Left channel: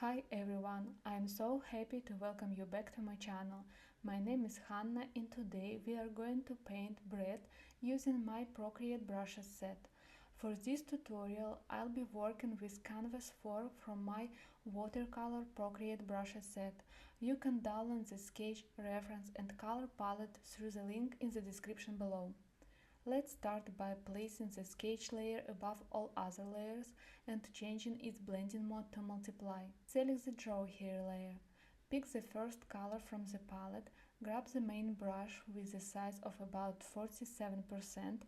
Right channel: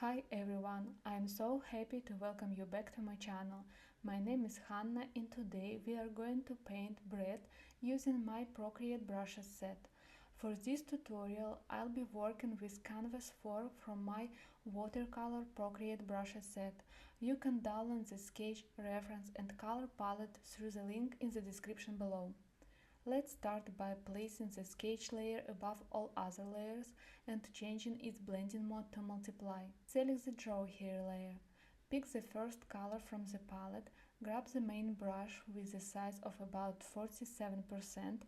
Hi everyone, I am so happy to welcome you back to my channel. My name is Hanna and today we are going to paint bread using my Procreate Brushes set. For this tutorial I'll be working with Canvas 4 from my Watercolor Procreate Brushes set. You can download the sketch, reference and color palette through the link in the description below. Let's start by placing the sketch layer above all other layers and changing its blending mode to multiply. Select the draw here layer. Pick the first color from the palette, grab the main brush with the size of about 47%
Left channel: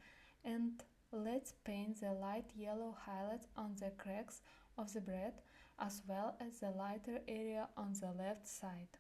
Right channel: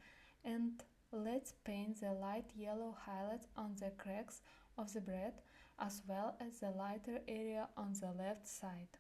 and let's paint the light yellow highlights on the cracks of the bread as well as the lighter area on the left side.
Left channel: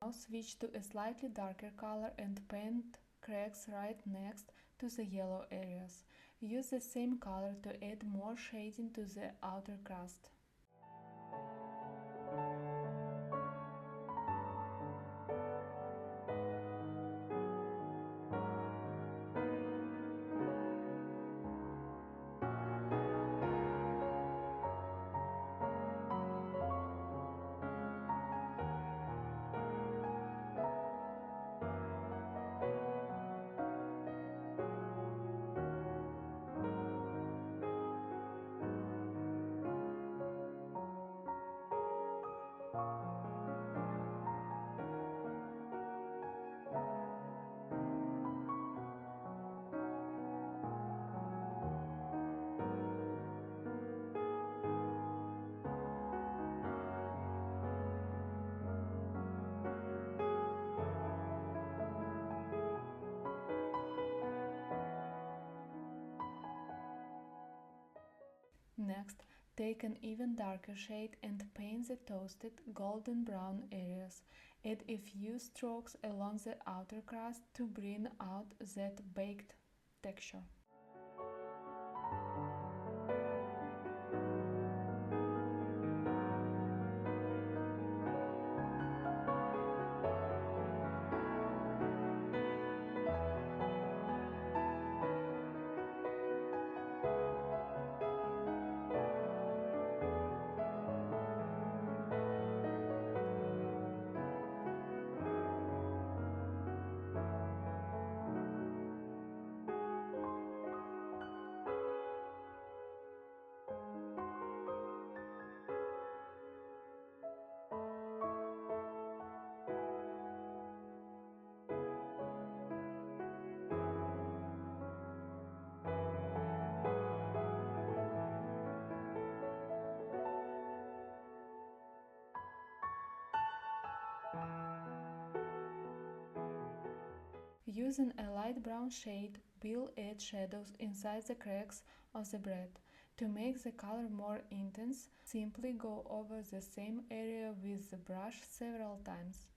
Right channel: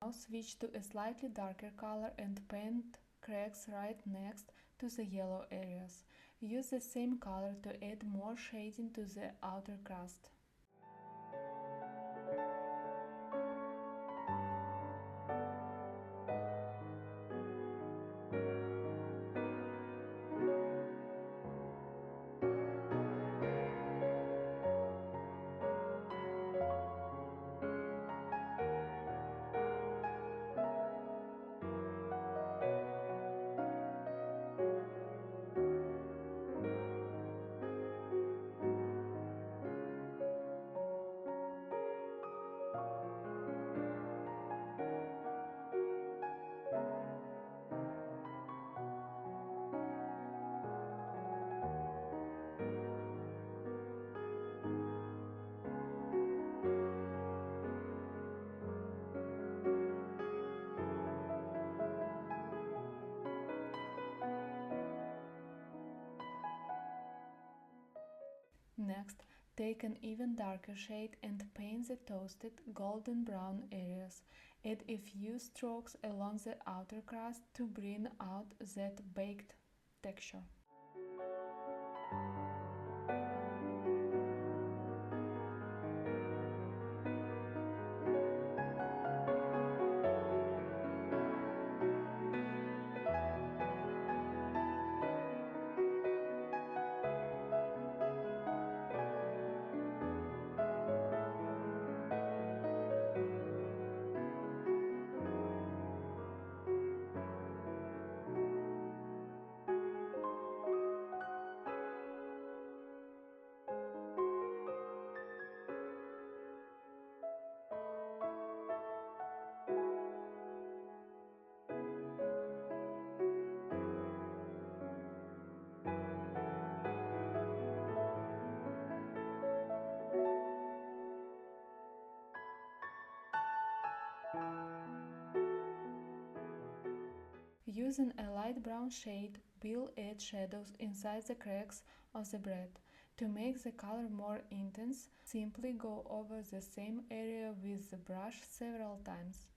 Now switch to a slightly darker color and paint cracks right next to the yellow areas. Use the same color to add more shading to the outer crust. Next, take an even darker shade and paint the toasted golden brown areas. Add a few strokes along the outer crust to bring out that baked texture. Using a light brown shade, we'll add shadows inside the cracks of the bread. To make the color more intense, simply go over the same area with the brush several times.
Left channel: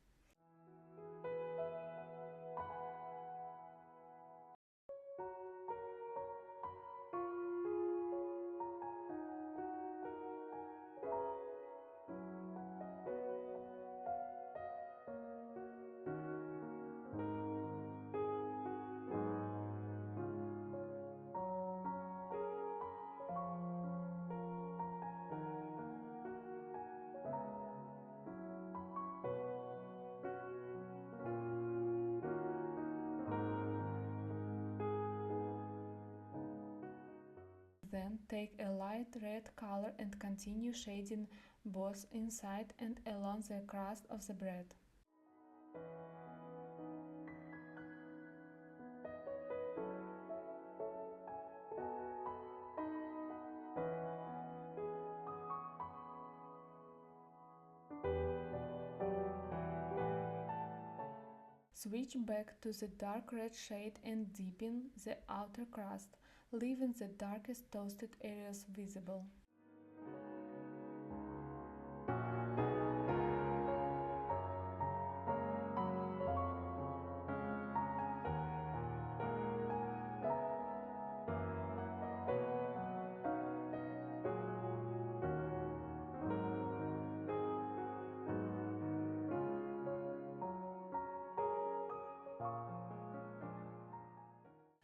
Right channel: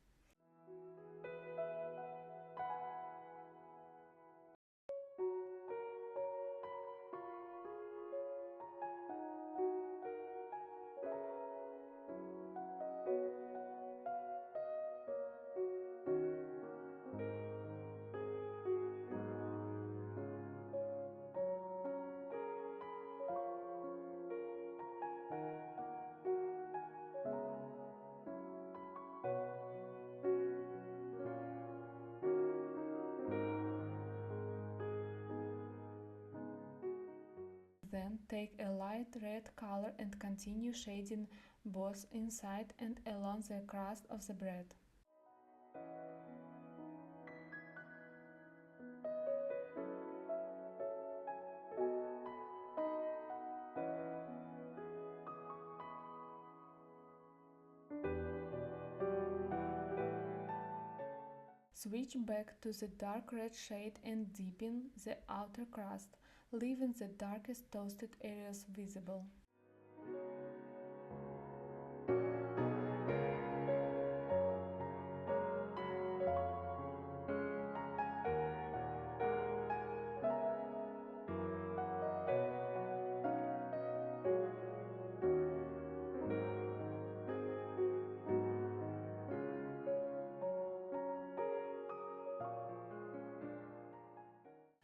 Then take a light red color and continue shading both inside and along the crust of the bread. Switch back to the dark red shade and deepen the outer crust, leaving the darkest toasted areas visible.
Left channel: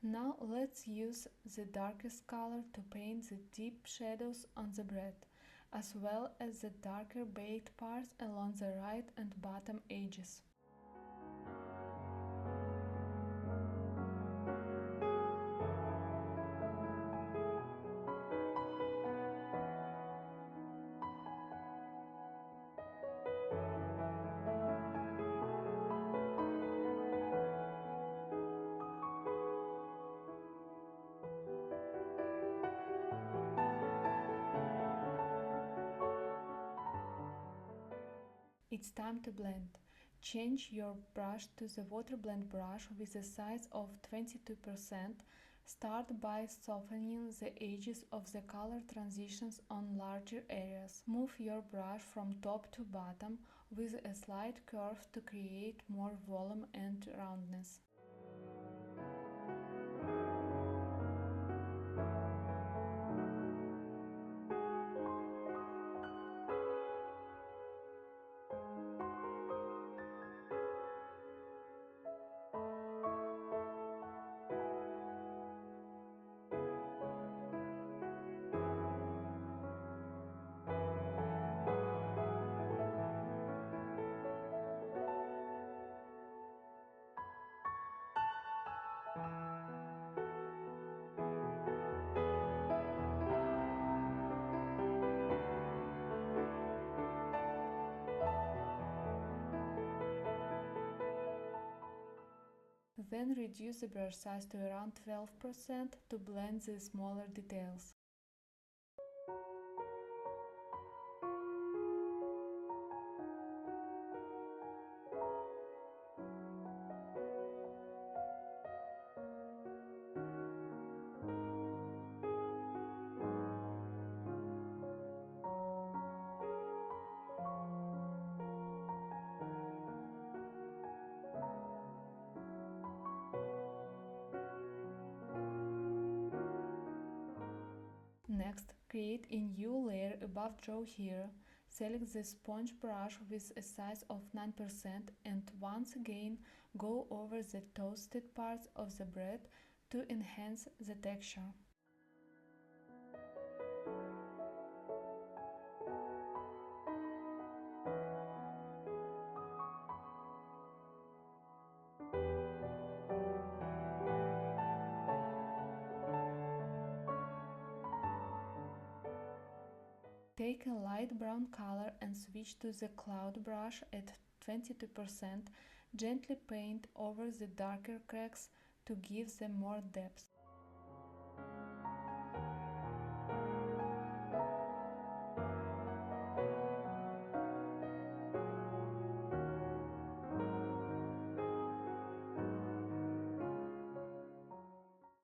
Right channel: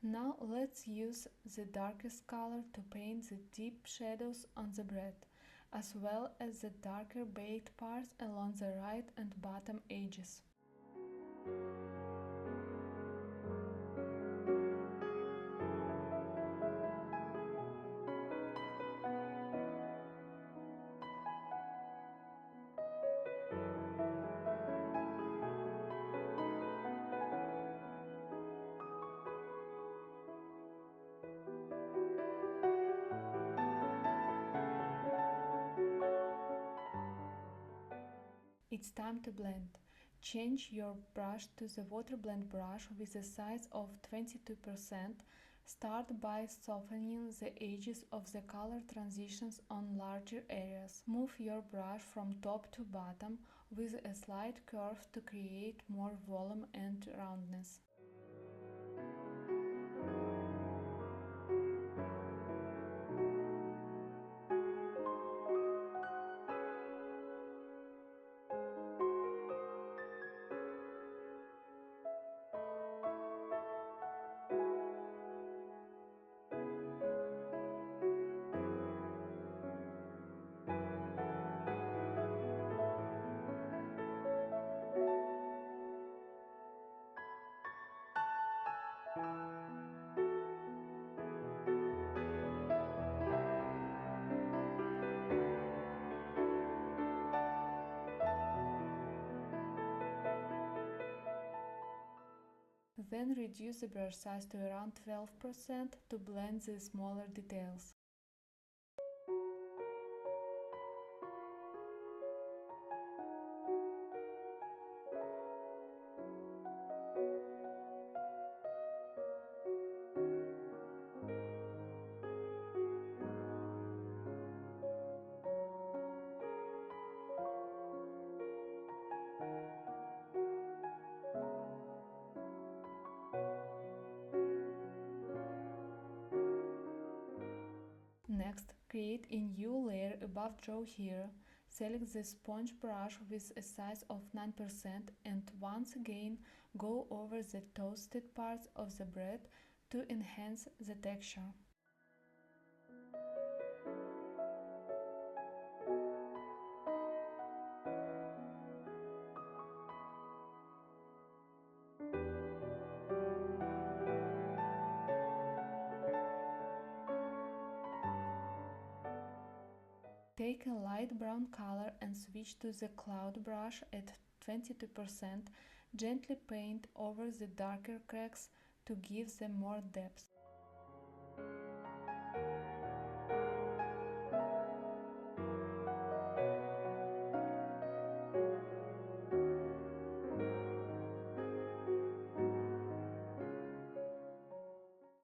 Now let's use the darkest color to paint the deep shadows on the bread, as well as the darker baked parts along the right and bottom edges. It's time to blend. Change your brush to the water blend brush with a size of 22%. Start by softening the edges of the color transitions on larger areas. Move your brush from top to bottom with a slight curve to create more volume and roundness. Then reduce the brush size to around 12% to blend the smaller details. Next, create a new layer above Draw Here. Select the sponge brush with a size of 9% and once again go over the toasted parts of the bread to enhance the texture. Take a light brown color and switch to the cloud brush at 22%. Gently paint over the darker cracks to give them more depth.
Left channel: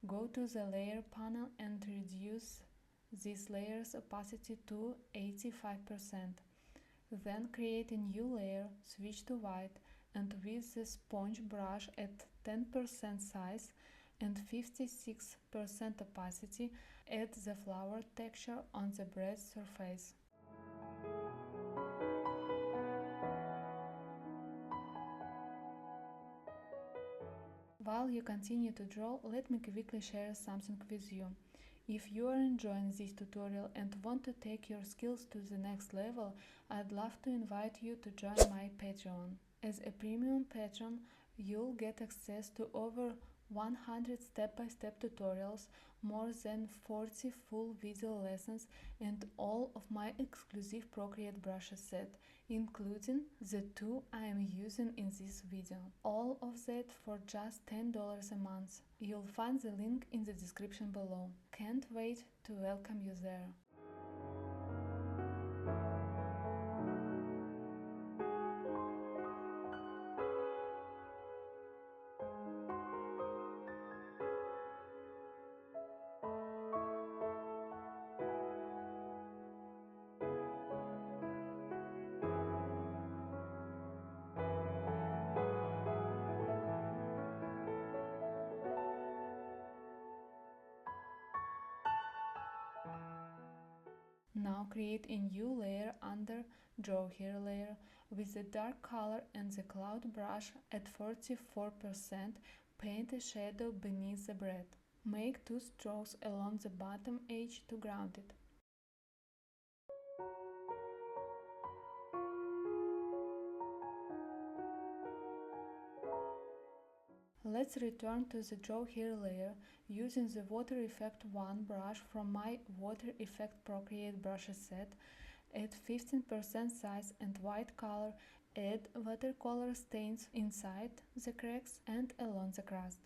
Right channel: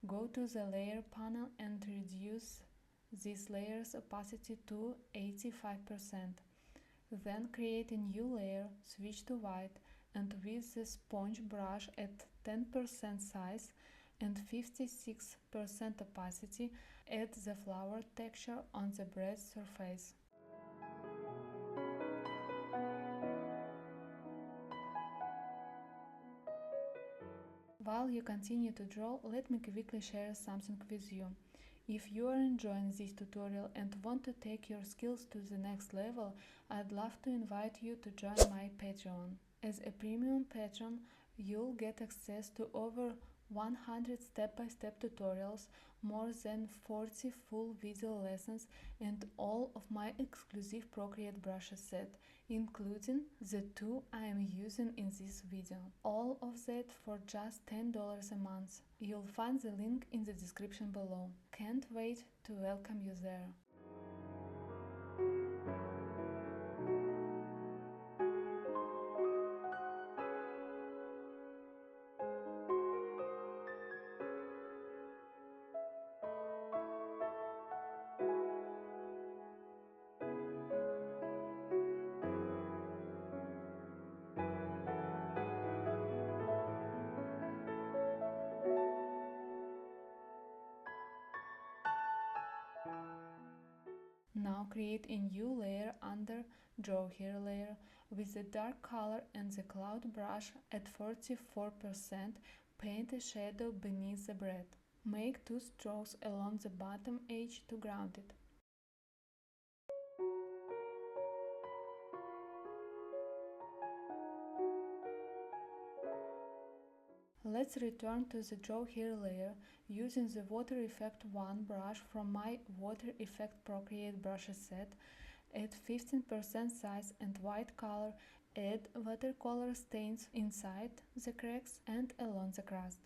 Go to the layer panel and reduce this layer's opacity to 85%. Then create a new layer, switch to white, and with the sponge brush at 10% size and 56% opacity, add the flower texture on the bread surface. While you continue to draw, let me quickly share something with you. If you are enjoying this tutorial and want to take your skills to the next level, I'd love to invite you to join my Patreon. As a Premium Patron, you'll get access to over 100 step-by-step tutorials, more than 40 full video lessons, and all of my exclusive Procreate Brushes set, including the two I am using in this video. All of that for just $10 a month. You'll find the link in the description below. Can't wait to welcome you there. Now create a new layer under Draw Here layer with the dark color and the cloud brush at 44%. Paint a shadow beneath the bread. Make 2 strokes along the bottom edge to ground it. Let's return to the Draw Here layer using the Water Effect 1 brush from my Water Effect Procreate Brushes set. At 15% size and white color, add watercolor stains inside the cracks and along the crust.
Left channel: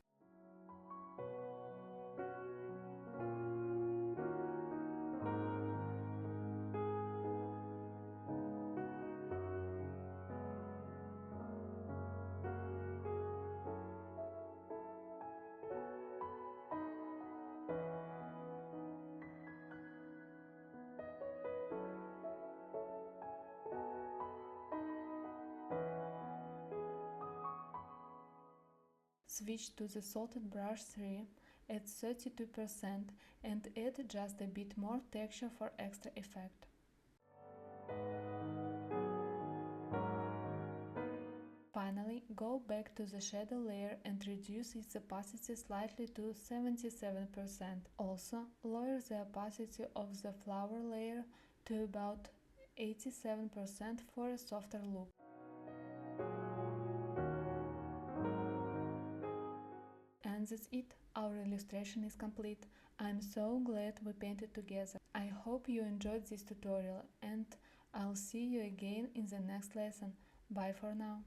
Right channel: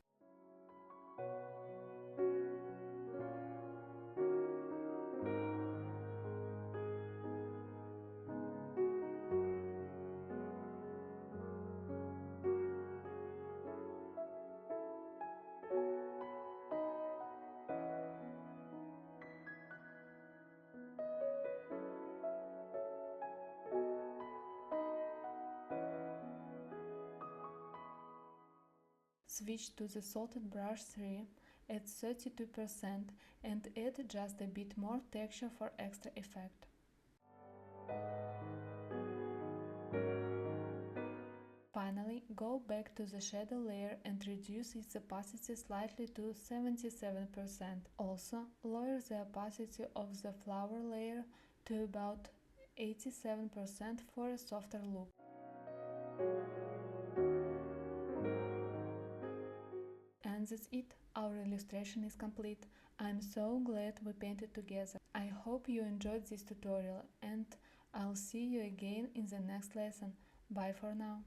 Switch to the Salted Brush 3 at 32% and add just a bit more texture for extra effect. Finally, go back to the shadow layer and reduce its opacity slightly to 77%. Also, lower the opacity of the flower layer to about 87% for a softer look. And that's it, our illustration is complete. I'm so glad we painted together. I hope you enjoyed this tutorial and I'll see you again in the next lesson. Bye for now.